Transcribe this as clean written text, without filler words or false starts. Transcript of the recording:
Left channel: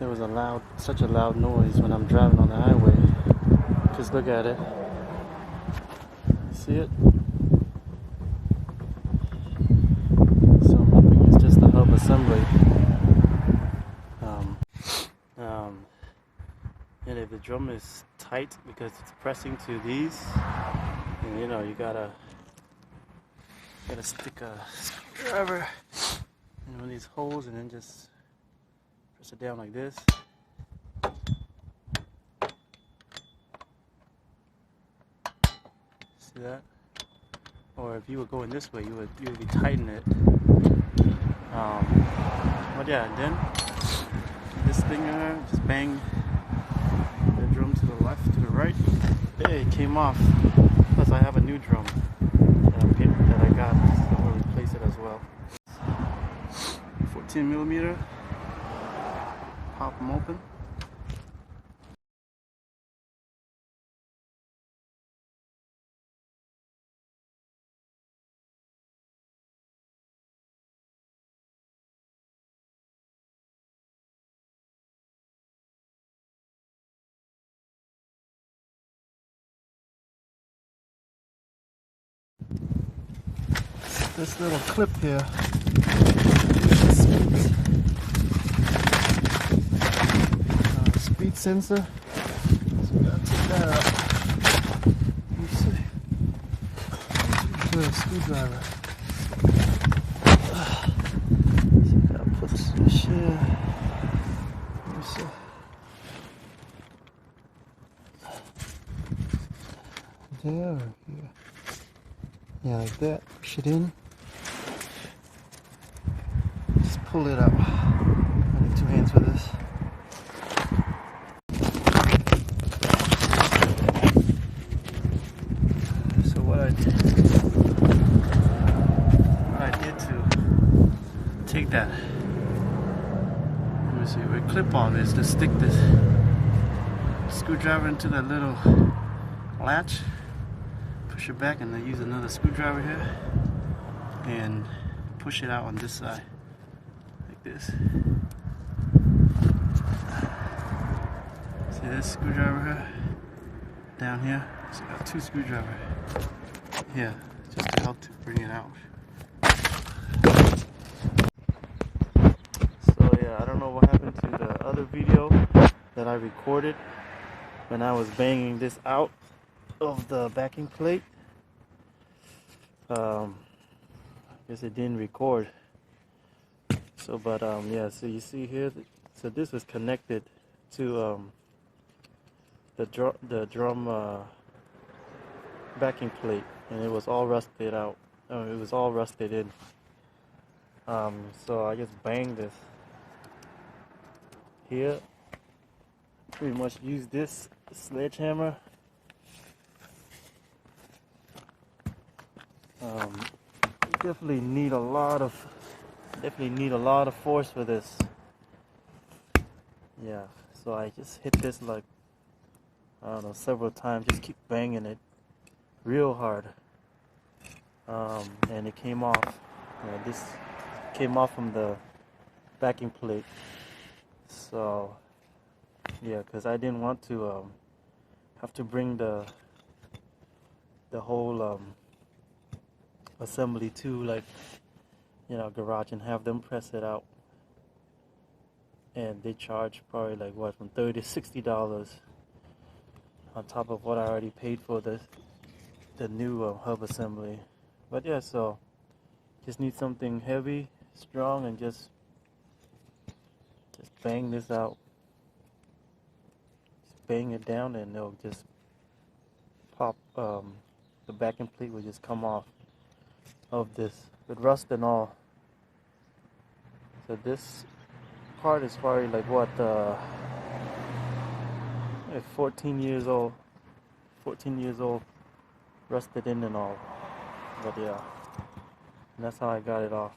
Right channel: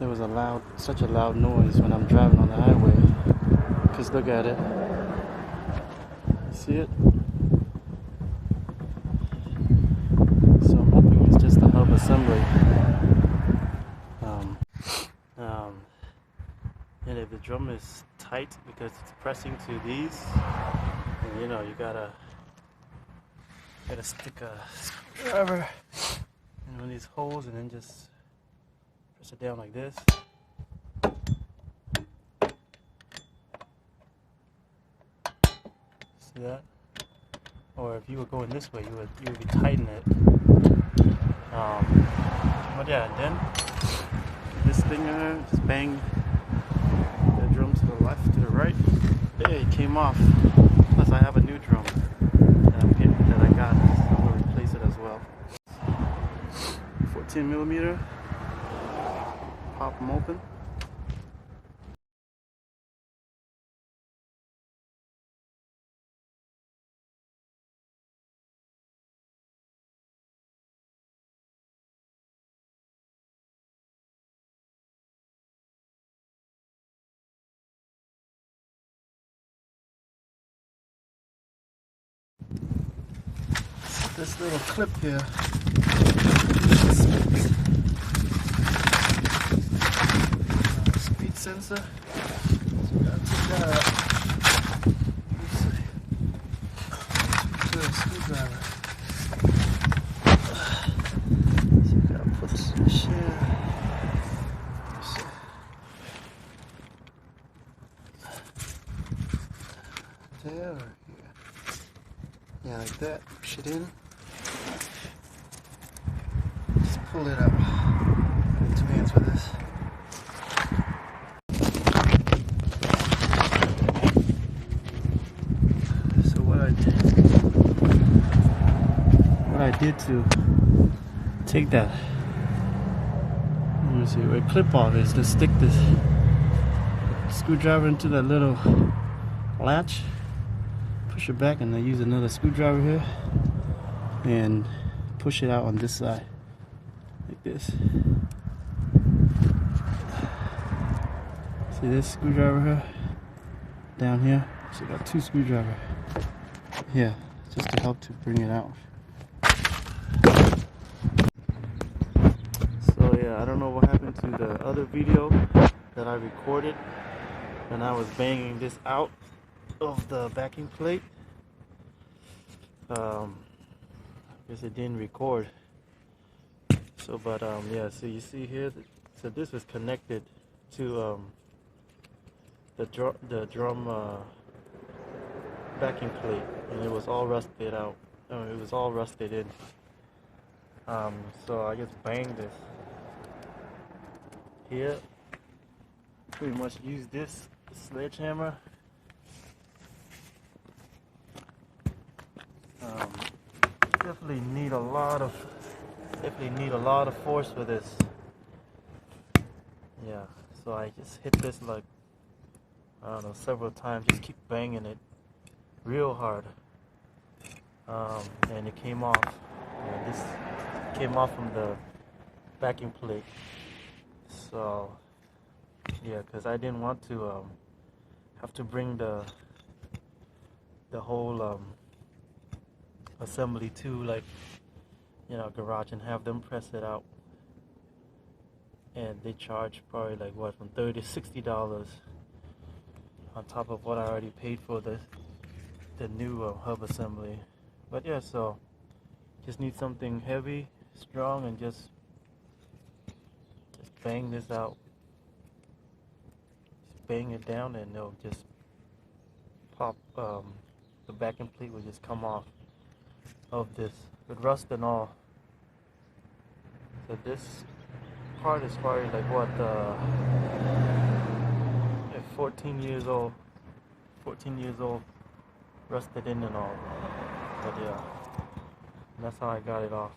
there was such a loud noise when I'm driving on the highway. Because look at it. You see it? So I'm hoping it's just a hub assembly. And if the drum is tight because it's pressing to these, and you know, you gotta stick a screwdriver in one of these holes and then just press it down like this. See that? Or if you were going this way, you would be tightening it. But yeah, and then this thing here, just bang the drum to the left, to the right. Hey, it came off. Plus, I have a new drum that I got, so I'm gonna replace it as well. 14mm. Pop them open. This little clip here, speed sensor. So we gotta take that out. Let's see. Here's a screwdriver. So we gotta put this here. Let's see. There or here? Yeah, like that. Push it in. Just pull it out. I need 2 hands for this. So what I did to take that, let me see, where clip on is to stick this screwdriver into that little latch, push it back, and then use another screwdriver here and push it out on this side like this. See this screwdriver here down here? So you got 2 screwdrivers here just to help to bring it out. So yeah, I don't know what happened to the other video that I recorded when I was banging this out of the backing plate. I guess it didn't record. So but yeah, so you see here, so this was connected to the drum backing plate, and it was all rusted out. It was all rusted in. So I just banged this here. Pretty much use this sledgehammer. Definitely need a lot of force for this. Yeah, so I just hit this like, I don't know, several times. Just keep banging it real hard, and it came off. This came off from the backing plate. So yeah, because I didn't want to have to bring the whole assembly to, like, you know, garage and have them press it out, and they charge probably like what, from $30 to $60 on top of what I already paid for the new hub assembly. But yeah, so just need something heavy, strong, and just bang this out. Just bang it down, and it'll just pop. The backing plate will just come off of this with rust and all. So this part is probably like what, 14 years old, rusted in and all. But yeah, and that's how I got it off.